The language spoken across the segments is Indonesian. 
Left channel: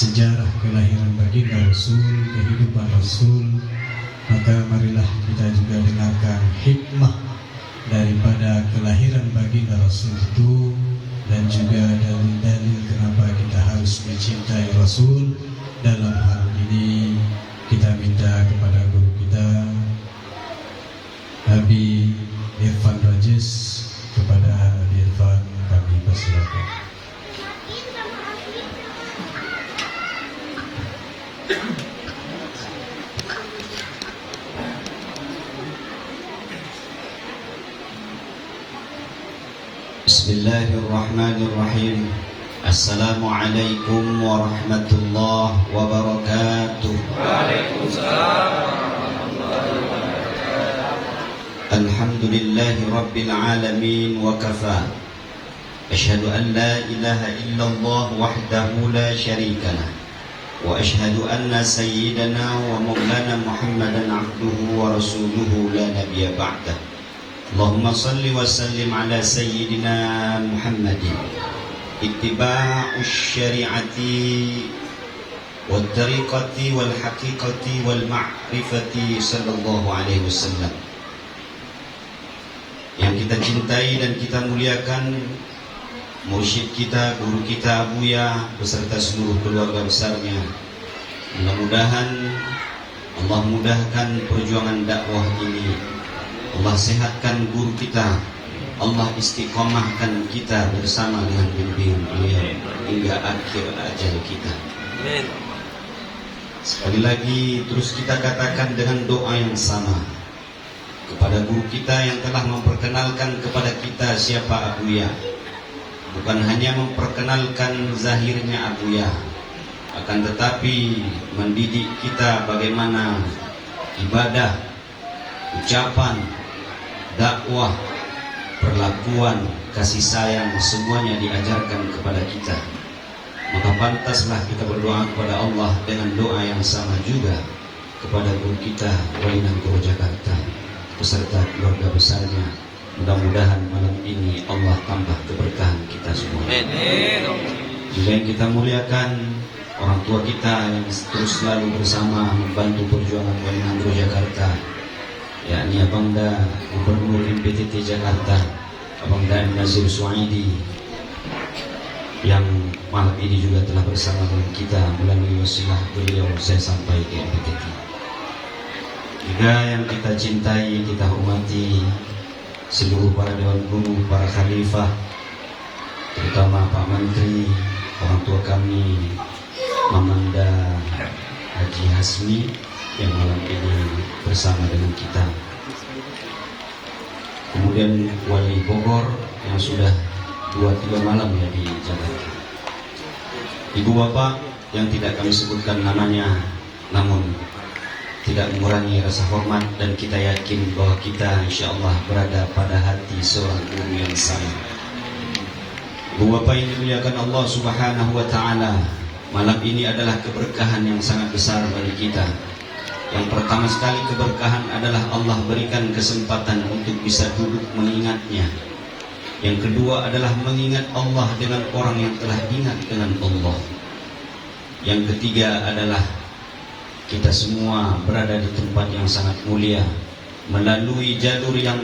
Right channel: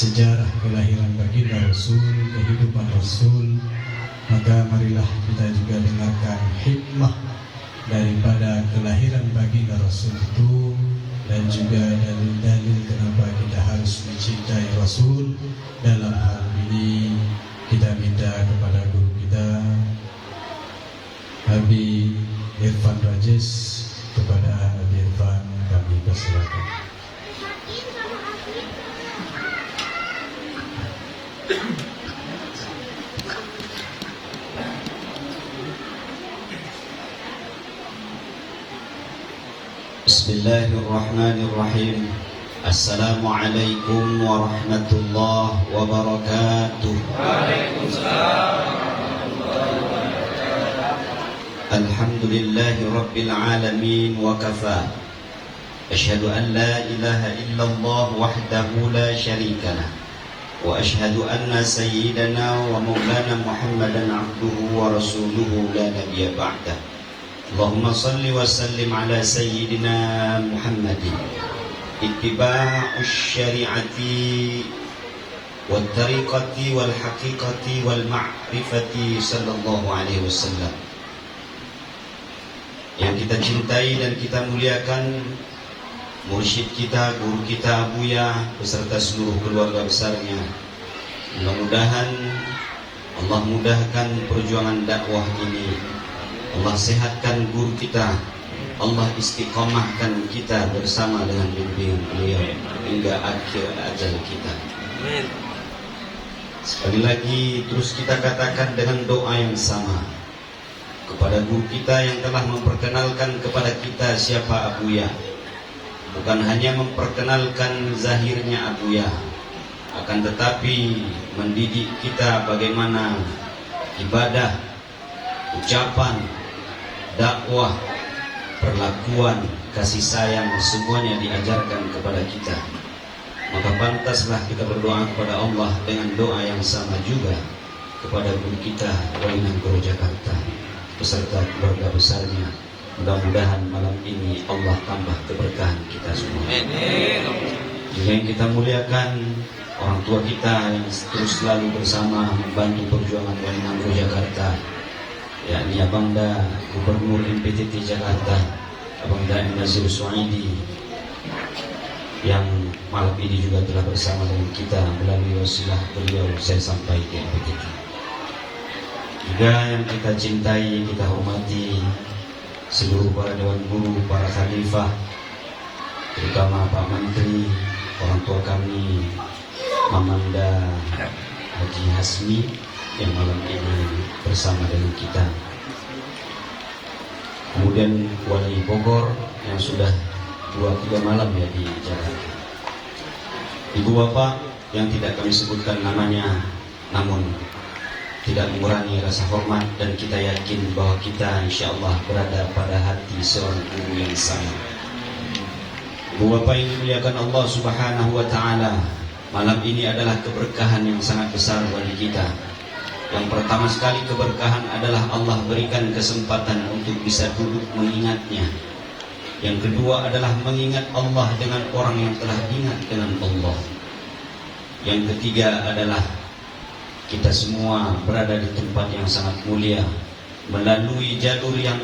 sejarah kelahiran baginda Rasul, kehidupan Rasul, maka marilah kita juga dengarkan hikmah daripada kelahiran baginda Rasul itu, dan juga dalil-dalil kenapa kita harus mencintai Rasul. Dalam hal ini kita minta kepada guru kita Habib Irfan Rajes, kepada Habib Irfan kami persilakan. Bismillahirrahmanirrahim. Assalamualaikum warahmatullahi wabarakatuh. Waalaikumsalam warahmatullahi wabarakatuh. Alhamdulillahi rabbil alamin wa kafa. Asyhadu an la ilaha illallah wahdahu la syarika lah. Wa asyhadu anna sayyidana wa maulana Muhammadan abduhu wa rasuluhu la nabiyya ba'dah. Allahumma salli wa sallim ala sayyidina Muhammadin. Ittiba'us syari'ati wal tariqati wal haqiqati wal ma'rifati sallallahu alaihi wasallam. Yang kita cintai dan kita muliakan mursyid kita, guru kita Buya beserta seluruh keluarga besarnya. Mudah-mudahan Allah mudahkan perjuangan dakwah ini. Allah sehatkan guru kita, Allah istiqomahkan kita bersama dengan bimbingan beliau hingga akhir ajal kita. Sekali lagi terus kita katakan dengan doa yang sama kepada guru kita yang telah memperkenalkan kepada kita siapa Abuya. Bukan hanya memperkenalkan zahirnya Abuya, akan tetapi mendidik kita bagaimana ibadah, ucapan, dakwah, perlakuan, kasih sayang, semuanya diajarkan kepada kita. Maka pantaslah kita berdoa kepada Allah dengan doa yang sama juga kepada guru kita Wainan Jakarta beserta keluarga besarnya. Mudah-mudahan malam ini Allah tambah keberkahan kita semua. Juga yang kita muliakan orang tua kita yang terus selalu bersama membantu perjuangan Wainan Jakarta, yakni Abangda Gubernur MPTT Jakarta, Abangda Nazir Suaidi, yang malam ini juga telah bersama dengan kita melalui wasilah beliau saya sampaikan begitu. Juga yang kita cintai, kita hormati seluruh para dewan guru, para khalifah, terutama Pak Menteri, orang tua kami Mamanda Haji Hasmi yang malam ini bersama dengan kita. Kemudian Wali Bogor yang sudah 2-3 malam ya di Jakarta. Ibu bapak yang tidak kami sebutkan namanya, namun tidak mengurangi rasa hormat, dan kita yakin bahwa kita insya Allah berada pada hati seorang guru yang sama. Ibu bapak yang dimuliakan Allah Subhanahu wa Ta'ala, malam ini adalah keberkahan yang sangat besar bagi kita. Yang pertama sekali keberkahan adalah Allah berikan kesempatan untuk bisa duduk mengingatnya. Yang kedua adalah mengingat Allah dengan orang yang telah ingat dengan Allah. Yang ketiga adalah kita semua berada di tempat yang sangat mulia, melalui jalur yang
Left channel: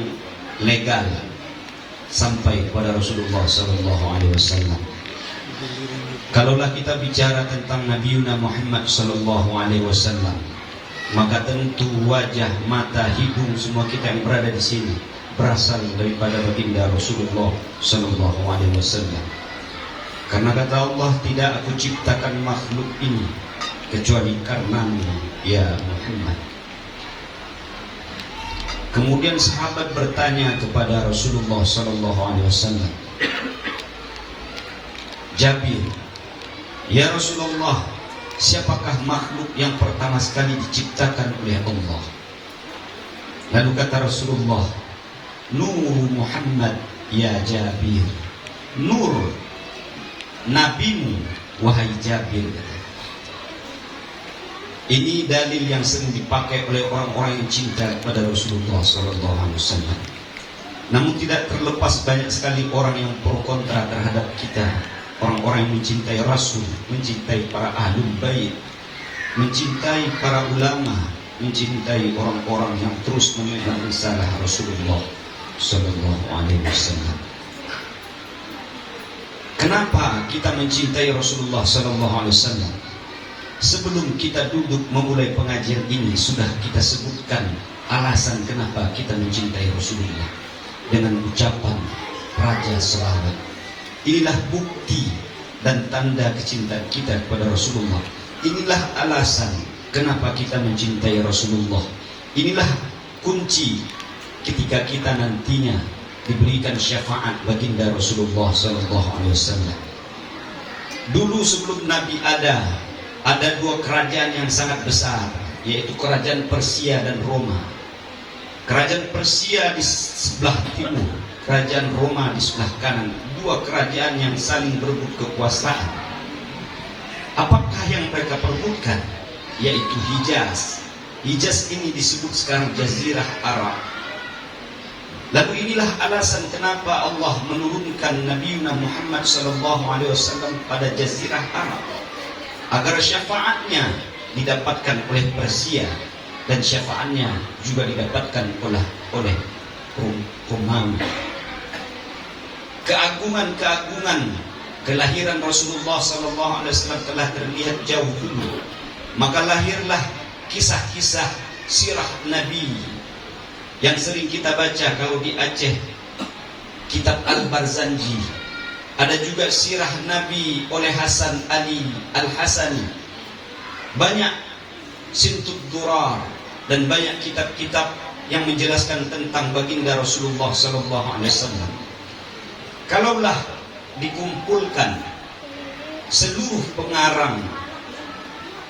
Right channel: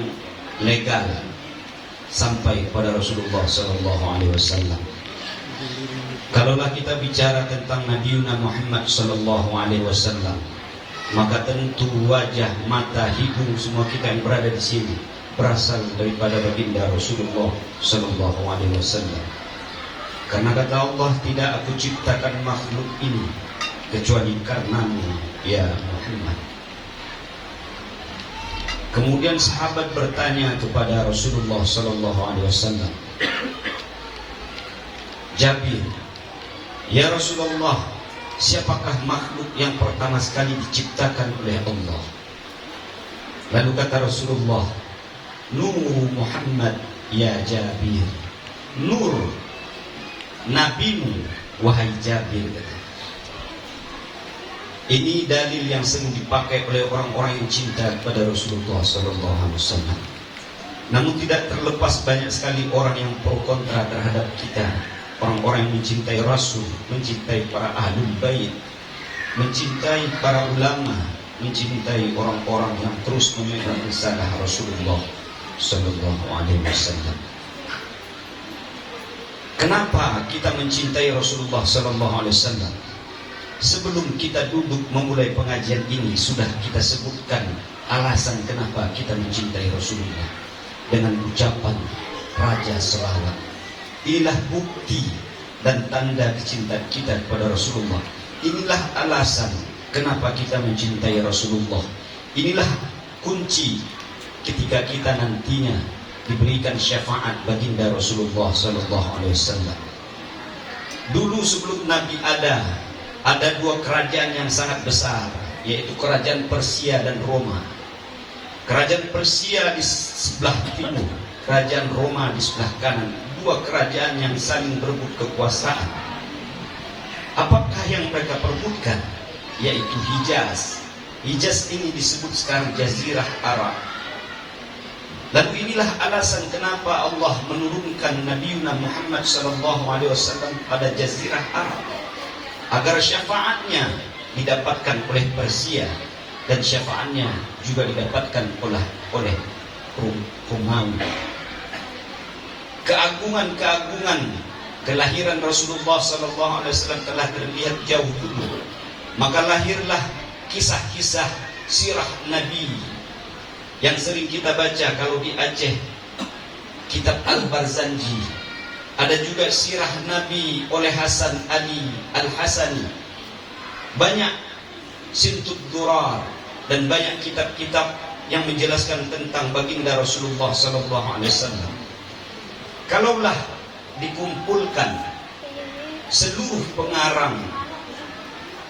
legal sampai kepada Rasulullah SAW. Kalaulah kita bicara tentang Nabi Muhammad SAW, maka tentu wajah, mata, hidung semua kita yang berada di sini berasal daripada baginda Rasulullah SAW. Karena kata Allah, tidak aku ciptakan makhluk ini kecuali karenamu ya Muhammad. Kemudian sahabat bertanya kepada Rasulullah SAW, Jabir, ya Rasulullah, siapakah makhluk yang pertama sekali diciptakan oleh Allah? Lalu kata Rasulullah, Nur Muhammad ya Jabir. Nur nabimu wahai Jabir. Ini dalil yang sering dipakai oleh orang-orang yang cinta kepada Rasulullah SAW. Namun tidak terlepas banyak sekali orang yang pro kontra terhadap kita orang-orang yang mencintai Rasul, mencintai para ahlul bait, mencintai para ulama, mencintai orang-orang yang terus memegang risalah Rasulullah Sallallahu Alaihi Wasallam. Kenapa kita mencintai Rasulullah Sallallahu Alaihi Wasallam? Sebelum kita duduk memulai pengajian ini, sudah kita sebutkan alasan kenapa kita mencintai Rasulullah dengan ucapan Raja Selawat. Inilah bukti dan tanda kecintaan kita kepada Rasulullah. Inilah alasan kenapa kita mencintai Rasulullah. Inilah kunci ketika kita nantinya diberikan syafaat baginda Rasulullah Sallallahu Alaihi Wasallam. Dulu sebelum Nabi ada dua kerajaan yang sangat besar, yaitu kerajaan Persia dan Roma. Kerajaan Persia di sebelah timur, kerajaan Roma di sebelah kanan. Dua kerajaan yang saling berebut kekuasaan. Apakah yang mereka perebutkan? Yaitu Hijaz. Hijaz ini disebut sekarang Jazirah Arab. Lalu inilah alasan kenapa Allah menurunkan Nabi Muhammad SAW pada Jazirah Arab, agar syafaatnya didapatkan oleh Persia dan syafaatnya juga didapatkan oleh Romawi. Keagungan kelahiran Rasulullah SAW telah terlihat jauh dulu. Maka lahirlah kisah-kisah sirah Nabi yang sering kita baca kalau di Aceh, kitab Al-Barzanji. Ada juga sirah Nabi oleh Hasan Ali Al-Hasani. Banyak Sintud Durar dan banyak kitab-kitab yang menjelaskan tentang baginda Rasulullah SAW. Kalaulah dikumpulkan seluruh pengarang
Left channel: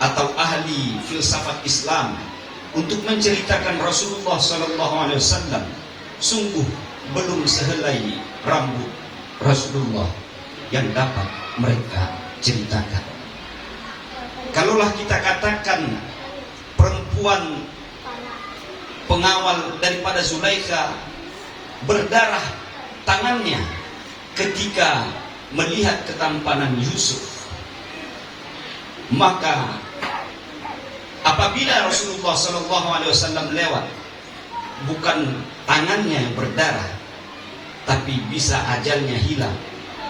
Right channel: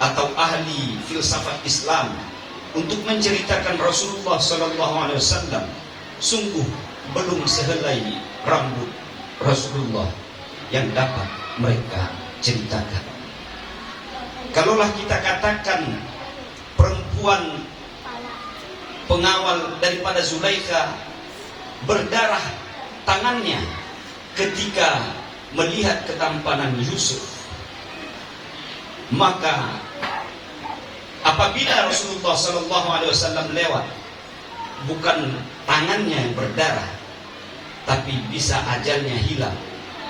atau ahli filsafat Islam untuk menceritakan Rasulullah SAW, sungguh belum sehelai rambut Rasulullah yang dapat mereka ceritakan. Kalaulah kita katakan perempuan pengawal daripada Zulaikha berdarah tangannya ketika melihat ketampanan Yusuf, maka apabila Rasulullah SAW lewat, bukan tangannya yang berdarah, tapi bisa ajalnya hilang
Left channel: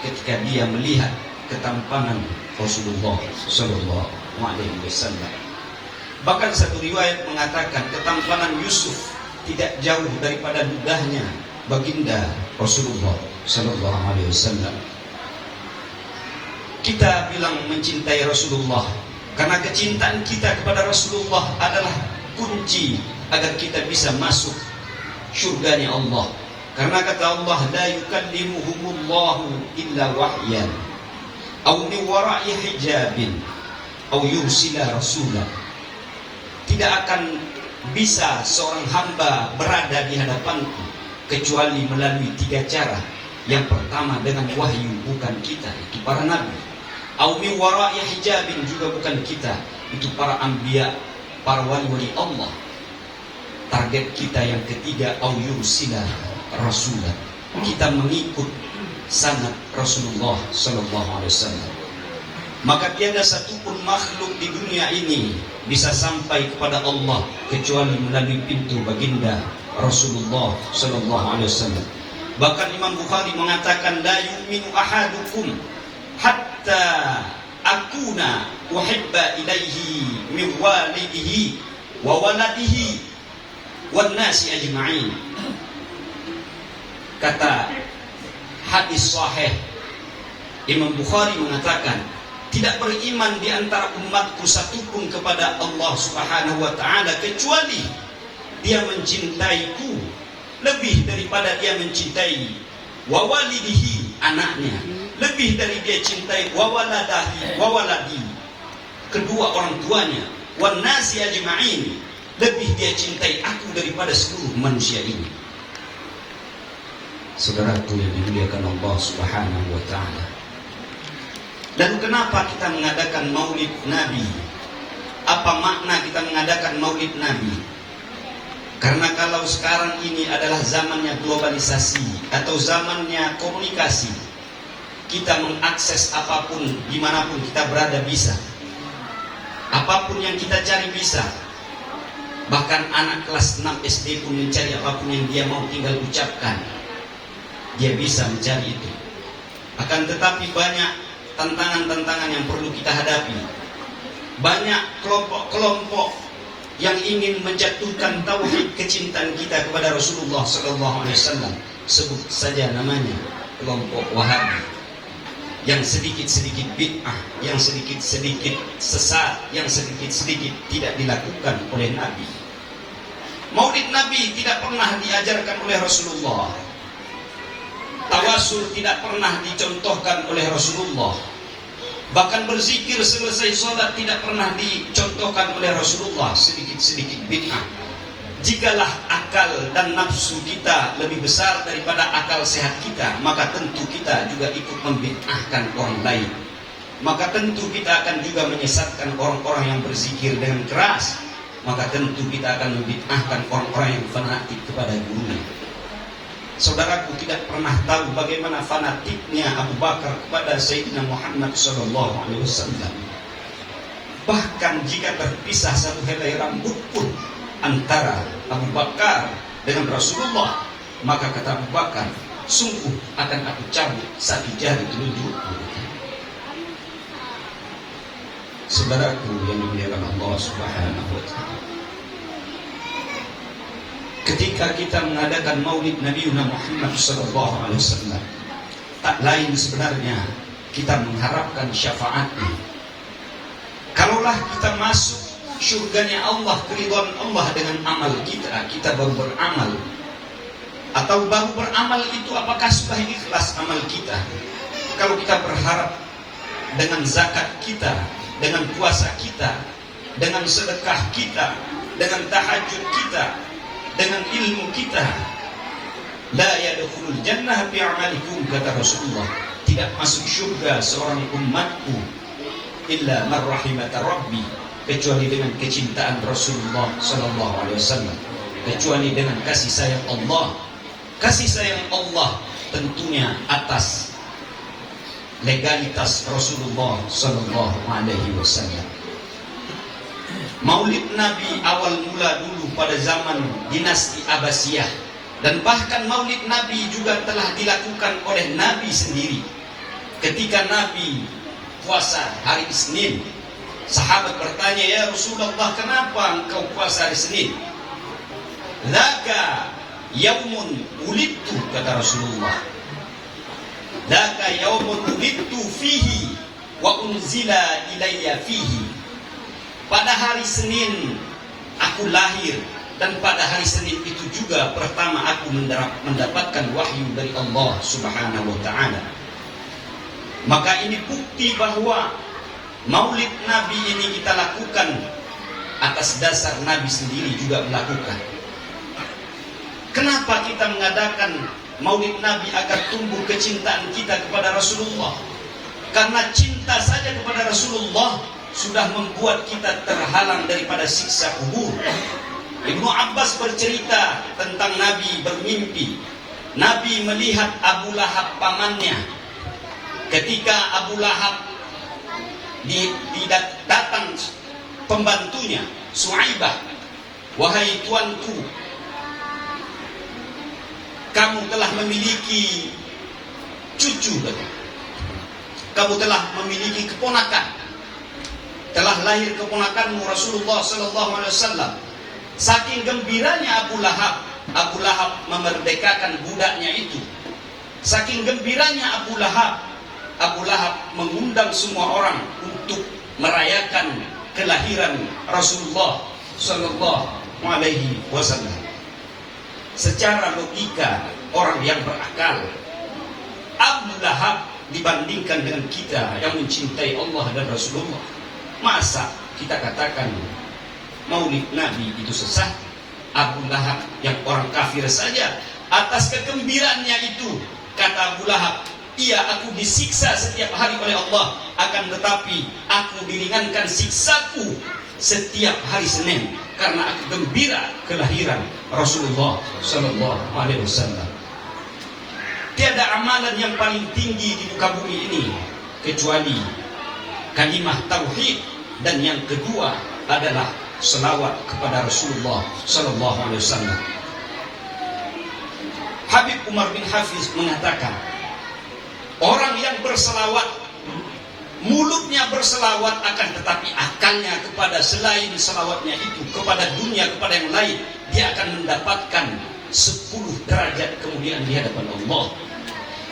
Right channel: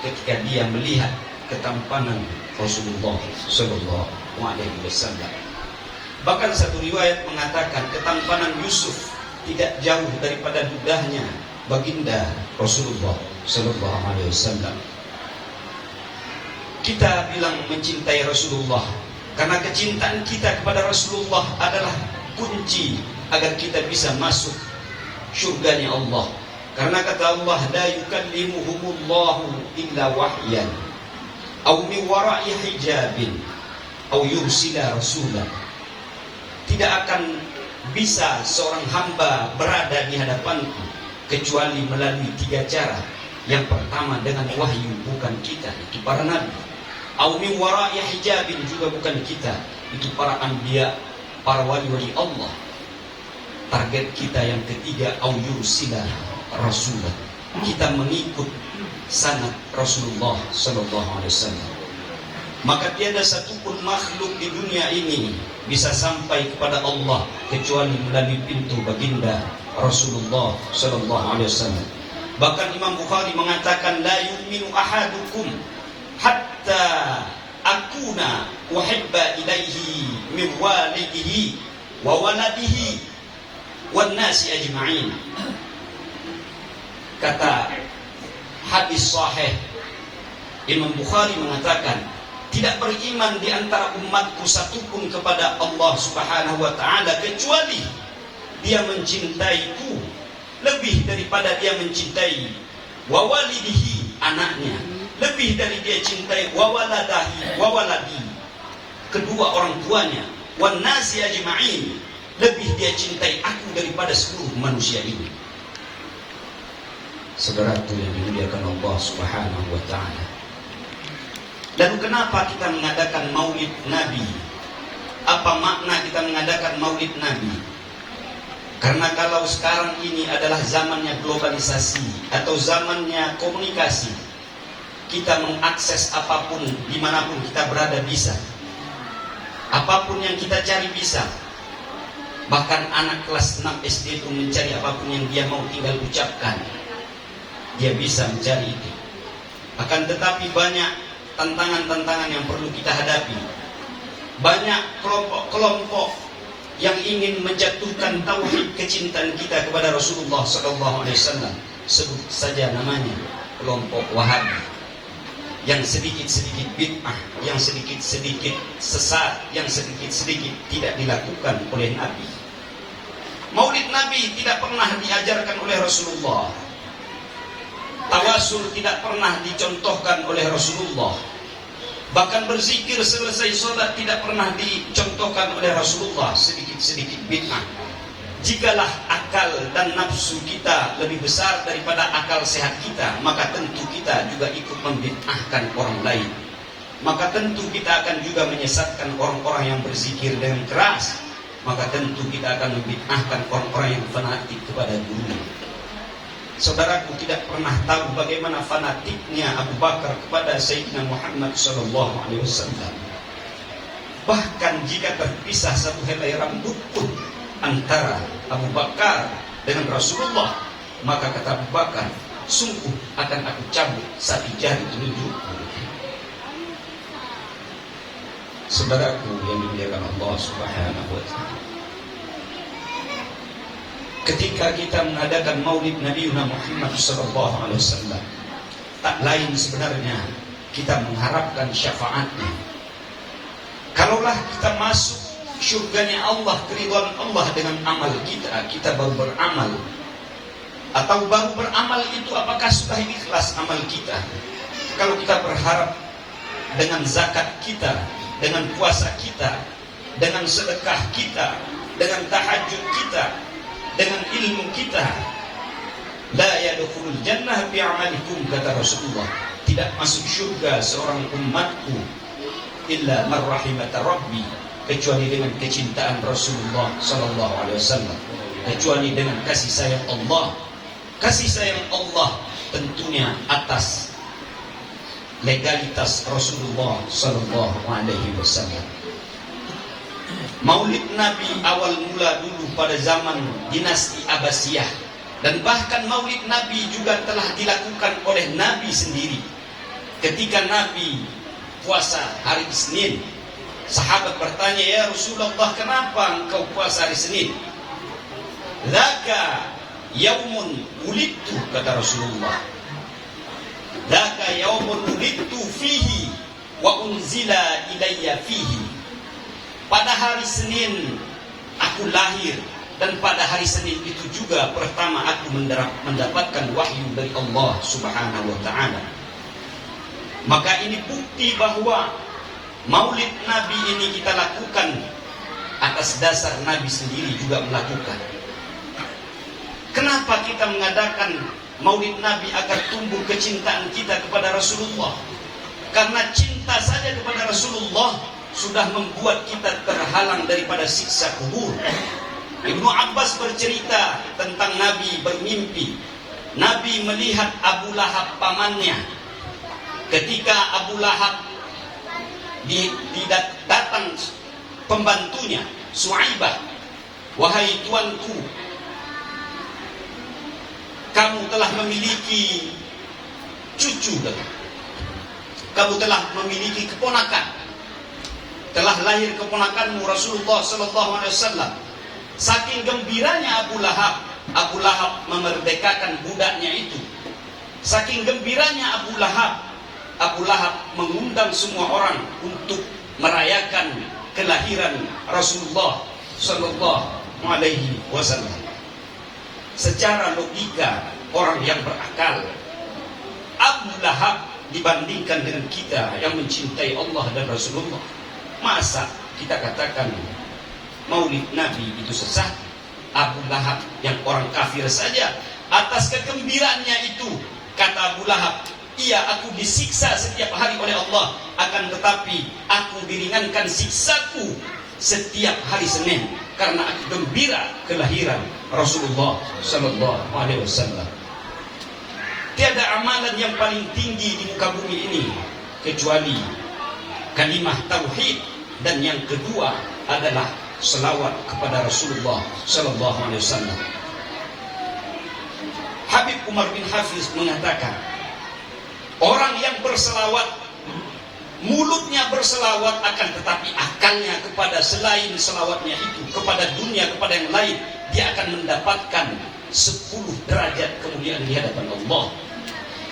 ketika dia melihat ketampanan Rasulullah SAW. Bahkan satu riwayat mengatakan ketampanan Yusuf tidak jauh daripada ludahnya baginda Rasulullah SAW. Kita bilang mencintai Rasulullah karena kecintaan kita kepada Rasulullah adalah kunci agar kita bisa masuk syurganya Allah. Karena kata Allah, la yukallimuhumullahu illa wahyan aw min wara'i hijabin aw yursila rasulah. Tidak akan bisa seorang hamba berada di hadapanku kecuali melalui tiga cara. Yang pertama dengan wahyu, bukan kita, itu para nabi. Aw min wara'i hijabin, juga bukan kita, itu para anbiya, para wali-wali Allah. Target kita yang ketiga, aw yursila rasulah, kita mengikut sanad Rasulullah SAW. Maka tiada satupun makhluk di dunia ini bisa sampai kepada Allah kecuali melalui pintu baginda Rasulullah SAW. Bahkan Imam Bukhari mengatakan, la yu'minu ahadukum hatta akuna uhibba ilaihi min walidihi wa waladihi wan nasi ajma'in. Kata hadis sahih, Imam Bukhari mengatakan, tidak beriman di antara umatku satupun kepada Allah Subhanahu wa ta'ala kecuali dia mencintaiku lebih daripada dia mencintai wawalidihi, anaknya, lebih dari dia cintai wawaladi, kedua orang tuanya, wan nasi ajma'in, lebih dia cintai aku daripada seluruh manusia ini. Saudaraku yang dimuliakan Allah Subhanahu wa ta'ala. Dan kenapa kita mengadakan maulid Nabi? Apa makna kita mengadakan maulid Nabi? Karena kalau sekarang ini adalah zamannya globalisasi atau zamannya komunikasi, kita mengakses apapun, dimanapun kita berada bisa. Apapun yang kita cari bisa. Bahkan anak kelas 6 SD itu mencari apapun yang dia mau tinggal ucapkan, dia bisa mencari itu. Akan tetapi banyak tantangan-tantangan yang perlu kita hadapi. Banyak kelompok-kelompok yang ingin menjatuhkan tauhid kecintaan kita kepada Rasulullah SAW. Sebut saja namanya kelompok Wahabi, yang sedikit-sedikit bid'ah, yang sedikit-sedikit sesat, yang sedikit-sedikit tidak dilakukan oleh Nabi. Maulid Nabi tidak pernah diajarkan oleh Rasulullah. Tawasul tidak pernah dicontohkan oleh Rasulullah. Bahkan berzikir selesai sholat tidak pernah dicontohkan oleh Rasulullah. Sedikit-sedikit bid'ah. Jikalah akal dan nafsu kita lebih besar daripada akal sehat kita, maka tentu kita juga ikut membid'ahkan orang lain. Maka tentu kita akan juga menyesatkan orang-orang yang berzikir dengan keras. Maka tentu kita akan membid'ahkan orang-orang yang fanatik kepada gurunya. Saudaraku tidak pernah tahu bagaimana fanatiknya Abu Bakar kepada Sayyidina Muhammad SAW. Bahkan jika terpisah satu helai rambut pun antara Abu Bakar dengan Rasulullah, maka kata Abu Bakar, sungguh akan aku cabut satu jari telunjukku. Saudaraku yang dimuliakan Allah Subhanahu wa Ta'ala, ketika kita mengadakan Maulid Nabi Muhammad SAW, tak lain sebenarnya kita mengharapkan syafaatnya. Kalaulah kita masuk syurganya Allah, keridhaan Allah dengan amal kita, kita baru beramal. Atau baru beramal itu apakah sudah ikhlas amal kita? Kalau kita berharap dengan zakat kita, dengan puasa kita, dengan sedekah kita, dengan tahajud kita, dengan ilmu kita, la yadkhulul jannah bi'amalikum, kata Rasulullah, tidak masuk syurga seorang umatku illa man rahimata rabbi, kecuali dengan kecintaan Rasulullah SAW, kecuali dengan kasih sayang Allah. Kasih sayang Allah tentunya atas legalitas Rasulullah SAW. Maulid Nabi awal mula dulu pada zaman dinasti Abbasiyah, dan bahkan Maulid Nabi juga telah dilakukan oleh Nabi sendiri. Ketika Nabi puasa hari Isnin, sahabat bertanya, ya Rasulullah, kenapa engkau puasa hari Senin? Dzaka yaumun wulidtu, kata Rasulullah. Dzaka yaumun wulidtu fihi wa unzila ilayya fihi. Pada hari Senin aku lahir, dan pada hari Senin itu juga pertama aku mendapatkan wahyu dari Allah Subhanahu wa Ta'ala. Maka ini bukti bahwa Maulid Nabi ini kita lakukan atas dasar Nabi sendiri juga melakukan. Kenapa kita mengadakan Maulid Nabi? Agar tumbuh kecintaan kita kepada Rasulullah. Karena cinta saja kepada Rasulullah sudah membuat kita terhalang daripada siksa kubur. Ibnu Abbas bercerita tentang Nabi bermimpi. Nabi melihat Abu Lahab pamannya. Ketika Abu Lahab datang pembantunya Suaibah, wahai tuanku, kamu telah memiliki cucu, kamu telah memiliki keponakan, telah lahir keponakanmu Rasulullah SAW. Saking gembiranya Abu Lahab memerdekakan budaknya itu. Saking gembiranya Abu Lahab mengundang semua orang untuk merayakan kelahiran Rasulullah SAW. Secara logika orang yang berakal, Abu Lahab dibandingkan dengan kita yang mencintai Allah dan Rasulullah, masa kita katakan Maulid Nabi itu sesat? Abu Lahab yang orang kafir saja atas kegembiraannya itu, kata Abu Lahab, iya, aku disiksa setiap hari oleh Allah, akan tetapi aku diringankan siksaku setiap hari Senin karena aku gembira kelahiran Rasulullah SAW. Tiada amalan yang paling tinggi di muka bumi ini kecuali kalimah tauhid, dan yang kedua adalah selawat kepada Rasulullah sallallahu alaihi wasallam. Habib Umar bin Hafiz mengatakan, orang yang berselawat, mulutnya berselawat akan tetapi akalnya kepada selain selawatnya itu, kepada dunia, kepada yang lain, dia akan mendapatkan 10 derajat kemuliaan di hadapan Allah.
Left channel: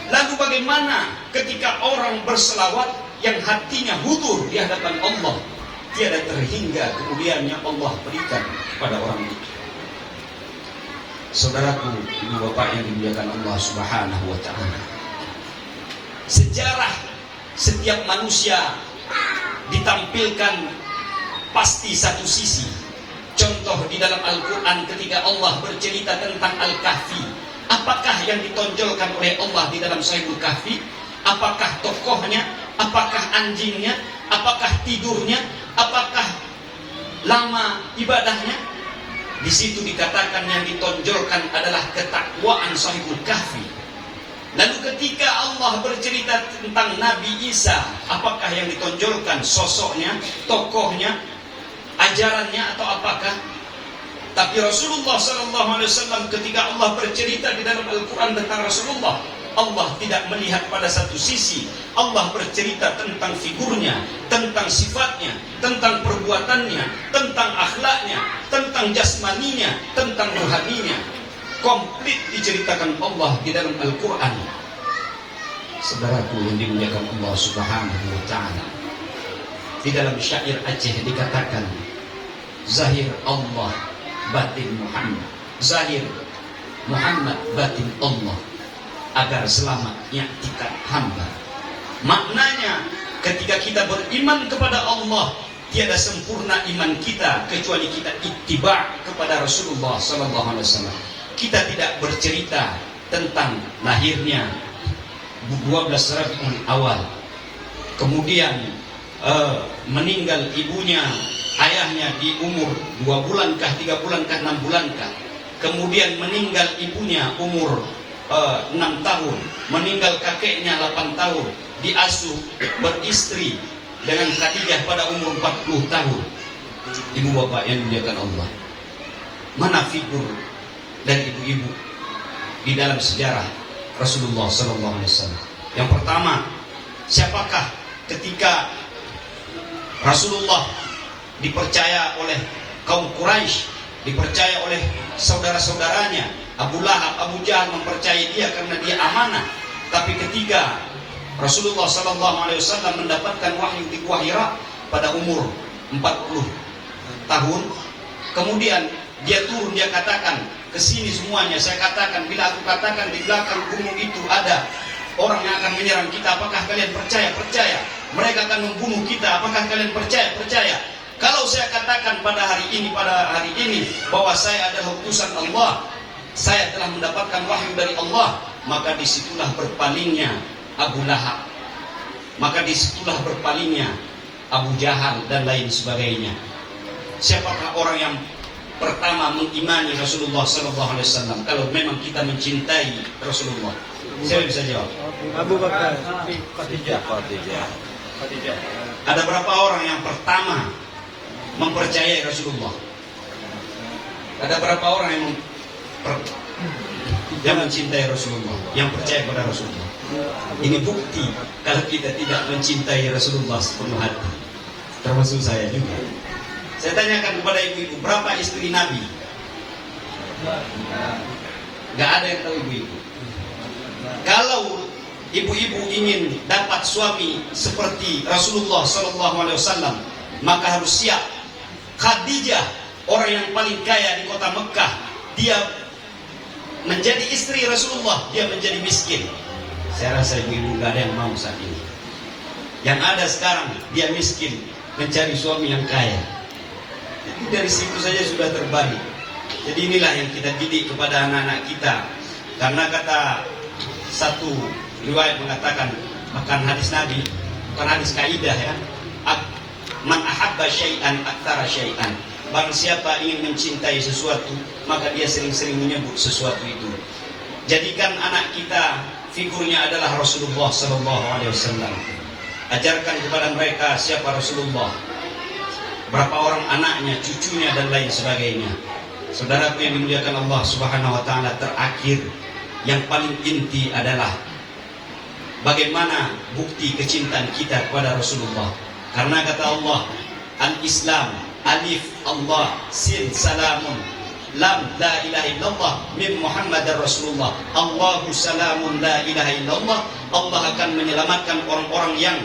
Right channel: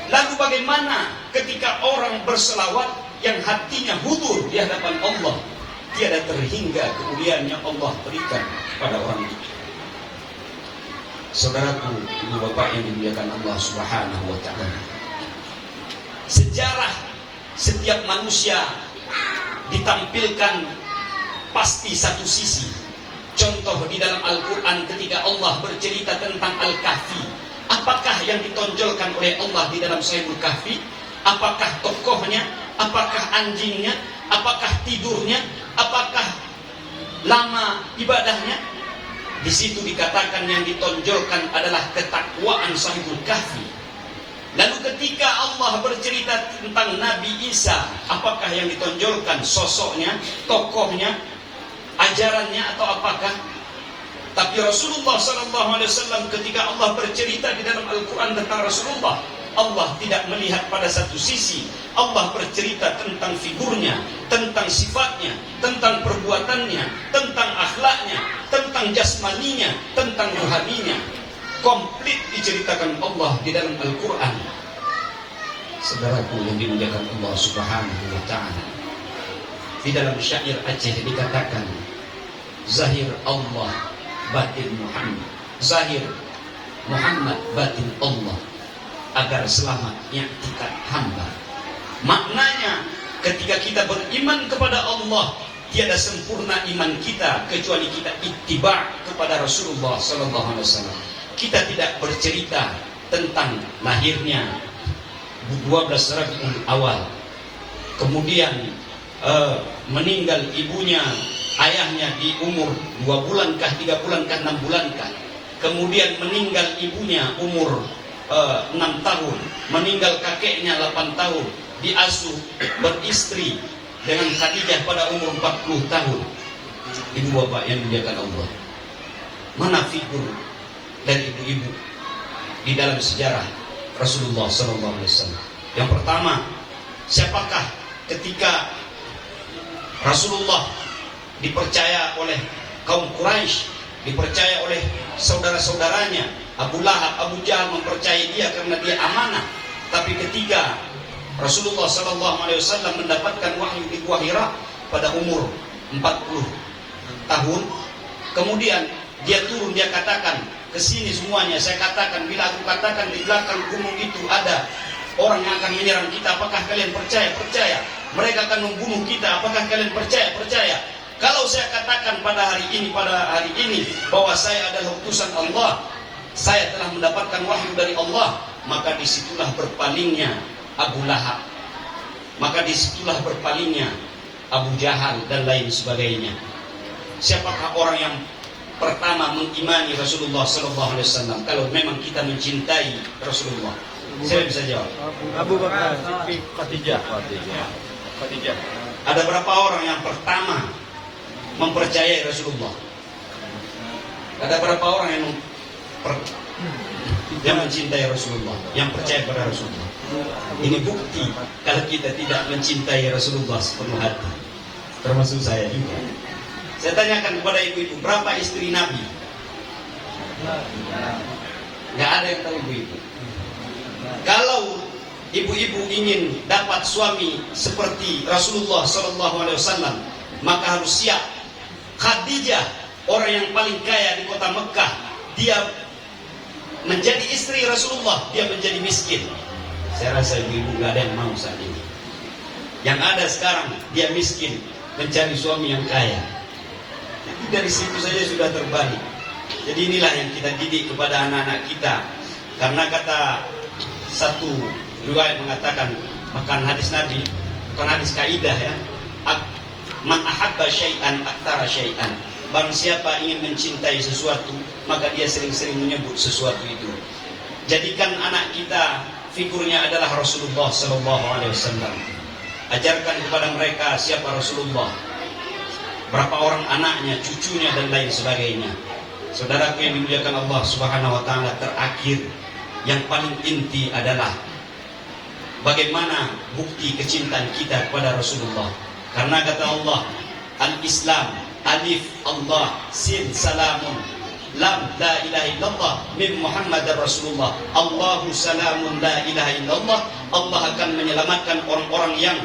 Lalu bagaimana ketika orang berselawat yang hatinya hudur di hadapan Allah, tiada terhingga kemuliaan yang Allah berikan kepada orang itu. Saudaraku, ibu bapak yang dimuliakan Allah Subhanahu wa ta'ala, sejarah setiap manusia ditampilkan pasti satu sisi. Contoh di dalam Al-Quran ketika Allah bercerita tentang Al-Kahfi, apakah yang ditonjolkan oleh Allah di dalam Sahihul Kahfi? Apakah tokohnya? Apakah anjingnya? Apakah tidurnya? Apakah lama ibadahnya? Di situ dikatakan yang ditonjolkan adalah ketakwaan Sahihul Kahfi. Lalu ketika Allah bercerita tentang Nabi Isa, apakah yang ditonjolkan? Sosoknya, tokohnya, ajarannya, atau apakah? Tapi Rasulullah SAW ketika Allah bercerita di dalam Al-Quran tentang Rasulullah, Allah tidak melihat pada satu sisi. Allah bercerita tentang figurnya, tentang sifatnya, tentang perbuatannya, tentang akhlaknya, tentang jasmaninya, tentang rohaninya. Komplit diceritakan Allah di dalam Al-Quran. Saudaraku yang dimuliakan Allah Subhanahu wa ta'ala, di dalam syair Aceh dikatakan, zahir Allah, batin Muhammad. Zahir Muhammad, batin Allah, agar selamat i'tikad hamba. Maknanya ketika kita beriman kepada Allah, tiada sempurna iman kita kecuali kita ittiba kepada Rasulullah sallallahu alaihi wasallam. Kita tidak bercerita tentang lahirnya 12 Rabiul Awal, kemudian meninggal ibunya, ayahnya di umur 2 bulankah, 3 bulankah, 6 bulankah. Kemudian meninggal ibunya umur 6 tahun, meninggal kakeknya 8 tahun, diasuh beristri dengan Khadijah pada umur 40 tahun. Ibu bapak yang dimuliakan Allah, mana figur dan ibu-ibu di dalam sejarah Rasulullah SAW? Yang pertama, siapakah ketika Rasulullah dipercaya oleh kaum Quraisy, dipercaya oleh saudara-saudaranya, Abu Lahab, Abu Jahal mempercayai dia karena dia amanah. Tapi ketika Rasulullah SAW mendapatkan wahyu di Gua Hira pada umur 40 tahun, kemudian dia turun, dia katakan, kesini semuanya, saya katakan, bila aku katakan di belakang gunung itu ada orang yang akan menyerang kita, apakah kalian percaya? Percaya. Mereka akan membunuh kita, apakah kalian percaya? Percaya. Kalau saya katakan pada hari ini bahwa saya adalah utusan Allah, saya telah mendapatkan wahyu dari Allah, maka disitulah berpalingnya Abu Lahab, maka disitulah berpalingnya Abu Jahal dan lain sebagainya. Siapakah orang yang pertama mengimani Rasulullah SAW kalau memang kita mencintai Rasulullah? Saya bisa jawab. Abu Bakar. Khadijah. Ada berapa orang yang pertama mempercayai Rasulullah? Ada berapa orang yang mencintai Rasulullah, yang percaya pada Rasulullah? Ini bukti kalau kita tidak mencintai Rasulullah sepenuh hati, termasuk saya juga. Saya tanyakan kepada ibu-ibu, berapa istri Nabi? Gak ada yang tahu ibu-ibu. Kalau ibu-ibu ingin dapat suami seperti Rasulullah SAW, maka harus siap. Khadijah, orang yang paling kaya di kota Mekah, dia menjadi istri Rasulullah, dia menjadi miskin. Saya rasa ibu-ibu gak ada yang mau saat ini. Yang ada sekarang, dia miskin, mencari suami yang kaya. Jadi dari situ saja sudah terbalik. Jadi inilah yang kita didik kepada anak-anak kita. Karena kata satu riwayat mengatakan, bahkan hadis Nabi, bukan hadis kaidah ya, man ahabba syai'an aktsara syai'an. Barang siapa ingin mencintai sesuatu, maka dia sering-sering menyebut sesuatu itu. Jadikan anak kita figurnya adalah Rasulullah Sallallahu Alaihi Wasallam. Ajarkan kepada mereka siapa Rasulullah, berapa orang anaknya, cucunya dan lain sebagainya. Saudaraku yang dimuliakan Allah Subhanahu Wa Taala, terakhir yang paling inti adalah bagaimana bukti kecintaan kita kepada Rasulullah. Karena kata Allah, al-Islam, alif Allah, sin salamun, lam la ilaha illallah, min Muhammadar Rasulullah, Allahu salamun la ilaha illallah. Allah akan menyelamatkan orang-orang yang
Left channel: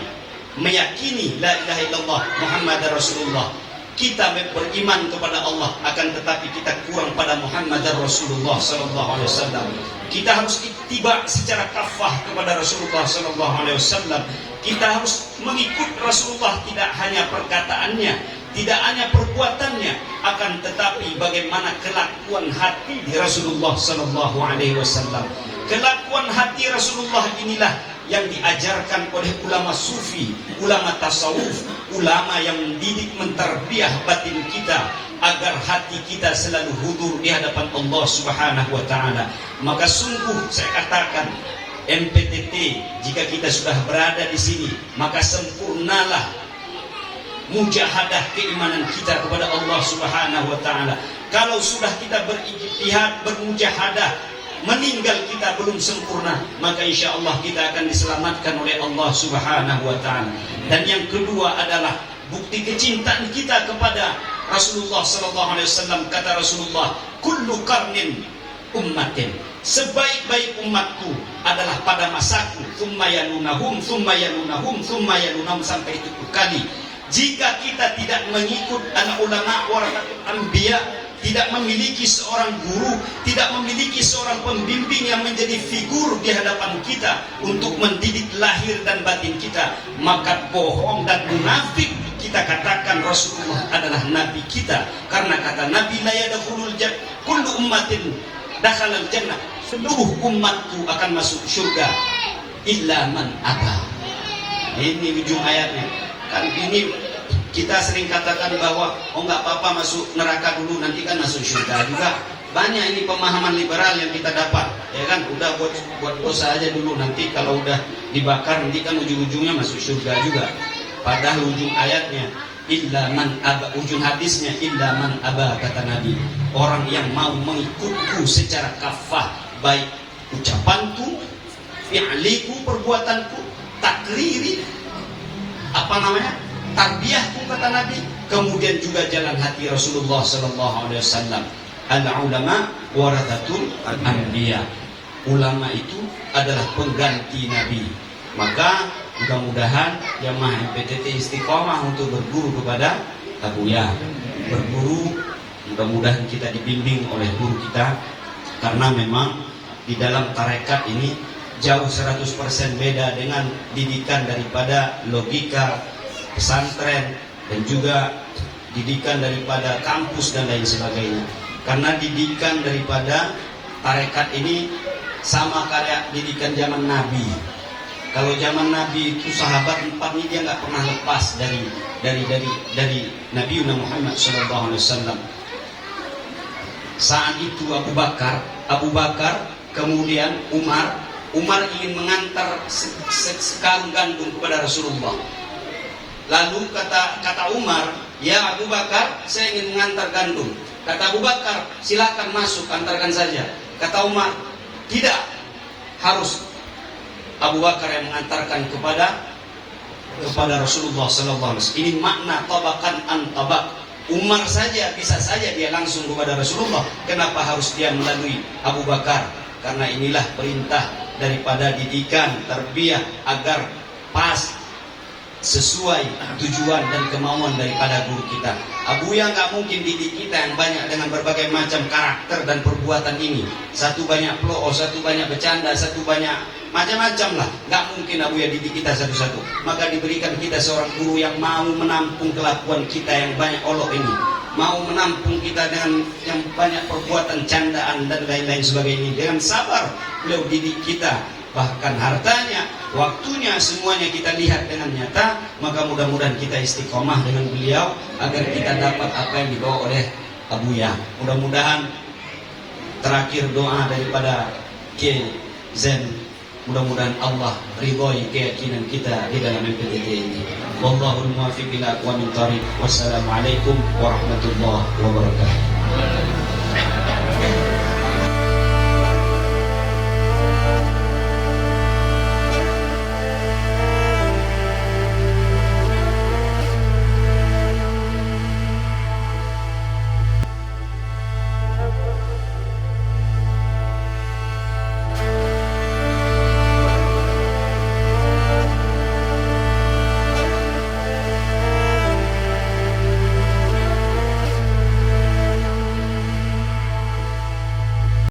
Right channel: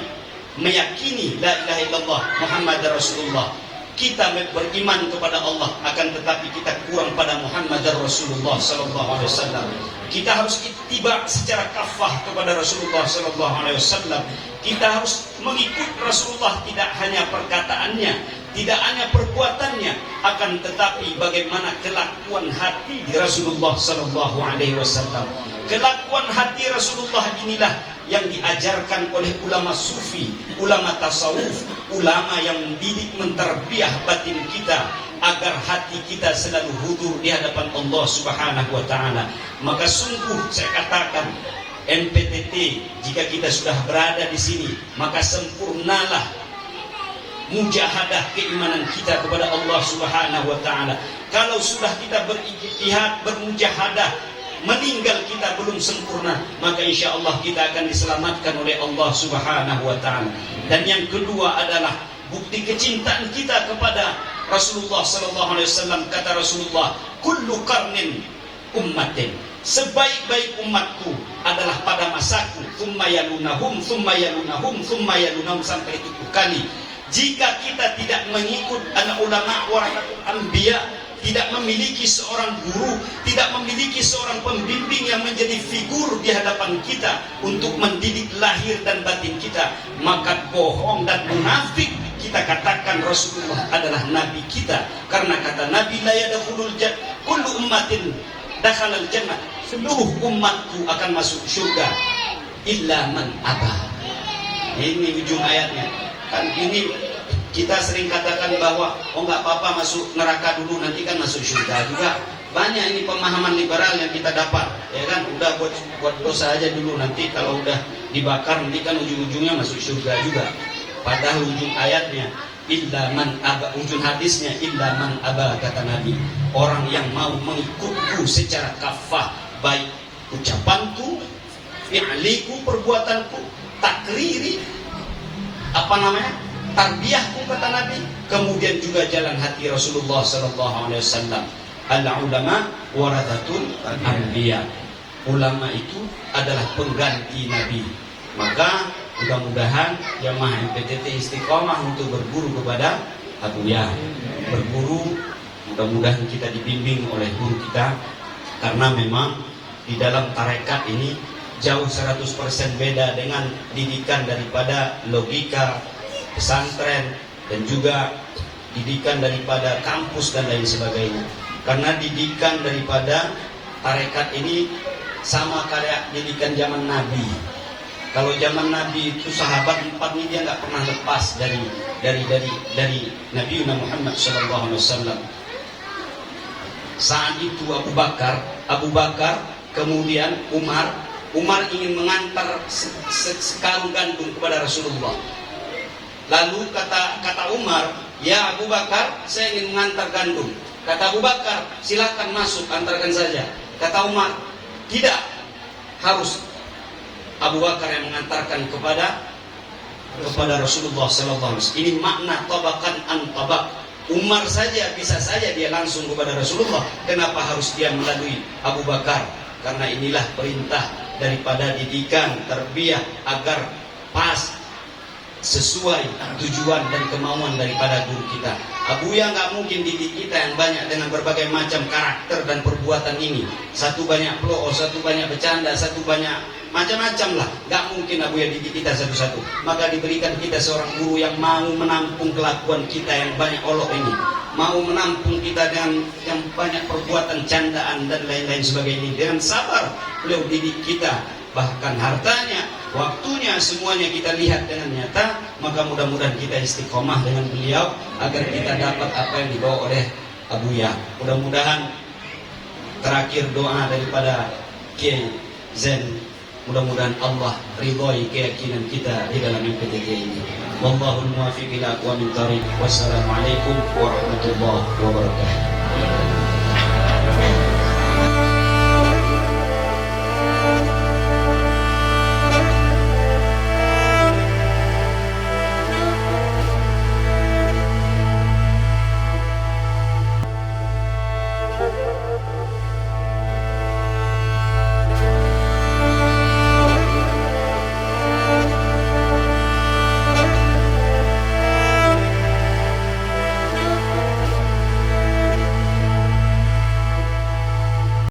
meyakini la ilaha illallah Muhammadar Rasulullah. Kita beriman kepada Allah, akan tetapi kita kurang pada Muhammadar Rasulullah sallallahu alaihi wasallam. Kita harus ittiba secara kafah kepada Rasulullah sallallahu alaihi wasallam. Kita harus mengikut Rasulullah, tidak hanya perkataannya, tidak hanya perbuatannya, akan tetapi bagaimana kelakuan hati Rasulullah sallallahu alaihi wasallam. Kelakuan hati Rasulullah inilah yang diajarkan oleh ulama sufi, ulama tasawuf, ulama yang mendidik menterbiah batin kita agar hati kita selalu hudur di hadapan Allah Subhanahu wa taala. Maka sungguh saya katakan, MPTT, jika kita sudah berada di sini, maka sempurnalah mujahadah keimanan kita kepada Allah Subhanahu wa taala. Kalau sudah kita berijtihad, bermujahadah, meninggal kita belum sempurna, maka insya Allah kita akan diselamatkan oleh Allah Subhanahu wa taala. Dan yang kedua adalah bukti kecintaan kita kepada Rasulullah sallallahu alaihi wasallam. Kata Rasulullah, kullu qarnin ummatin, sebaik-baik umatku adalah pada masaku, thumma yalunahum, thumma yalunahum, thumma yalunahum, sampai 7 kali. Jika kita tidak mengikut anak ulama warasatul anbiya, tidak memiliki seorang guru, tidak memiliki seorang pembimbing yang menjadi figur di hadapan kita untuk mendidik lahir dan batin kita, maka bohong dan munafik kita katakan Rasulullah adalah nabi kita. Karena kata Nabi, la yadkhulul jannah kullu ummatin dakhalal jannah, seluruh umatku akan masuk surga illa man aba. Ini ujung ayatnya. Kan ini kita sering katakan bahwa nggak apa-apa masuk neraka dulu, nanti kan masuk surga juga. Banyak ini pemahaman liberal yang kita dapat, ya kan? Udah buat dosa aja dulu, nanti kalau udah dibakar nanti kan ujung-ujungnya masuk surga juga. Padahal ujung ayatnya illa man aba, ujung hadisnya illa man aba, kata Nabi, orang yang mau mengikutku secara kafah, baik ucapanku, fi'liku, perbuatanku, takriri, tarbiyahku, kata Nabi, kemudian juga jalan hati Rasulullah sallallahu alaihi wasallam. Al-ulama warathatul anbiya. Ulama itu adalah pengganti Nabi. Maka mudah-mudahan jamaah MPTT istiqomah untuk berguru kepada Abuya. Berguru, mudah-mudahan kita dibimbing oleh guru kita, karena memang di dalam tarekat ini jauh 100% beda dengan didikan daripada logika pesantren dan juga didikan daripada kampus dan lain sebagainya. Karena didikan daripada tarekat ini sama kayak didikan zaman Nabi. Kalau zaman Nabi itu sahabat 4 ini dia nggak pernah lepas dari Nabi Muhammad SAW. Saat itu Abu Bakar, kemudian Umar ingin mengantar sekarung gandum kepada Rasulullah. Lalu kata Umar, ya Abu Bakar, saya ingin mengantar gandum. Kata Abu Bakar, silakan masuk, antarkan saja. Kata Umar, tidak, harus Abu Bakar yang mengantarkan kepada Rasulullah SAW. Ini makna tabakan an tabak. Umar saja bisa saja dia langsung kepada Rasulullah. Kenapa harus dia melalui Abu Bakar? Karena inilah perintah daripada didikan tarbiyah agar pas, sesuai tujuan dan kemauan daripada guru kita. Abuya nggak mungkin didik kita yang banyak dengan berbagai macam karakter dan perbuatan ini. Satu banyak peloo, satu banyak bercanda, satu banyak macam-macam lah. Nggak mungkin Abuya didik kita satu-satu. Maka diberikan kita seorang guru yang mau menampung kelakuan kita yang banyak olok ini, mau menampung kita dengan yang banyak perbuatan candaan dan lain-lain sebagainya. Dengan sabar beliau didik kita, bahkan hartanya, waktunya, semuanya kita lihat dengan nyata. Maka mudah-mudahan kita istiqomah dengan beliau agar kita dapat apa yang dibawa oleh Abuya. Mudah-mudahan terakhir doa daripada Kiai Zen Mudah-mudahan Allah ridhoi keyakinan kita di dalam MPTG ini. Wallahul muwaffiq ila aqwamit thoriq. Wassalamualaikum warahmatullahi wabarakatuh.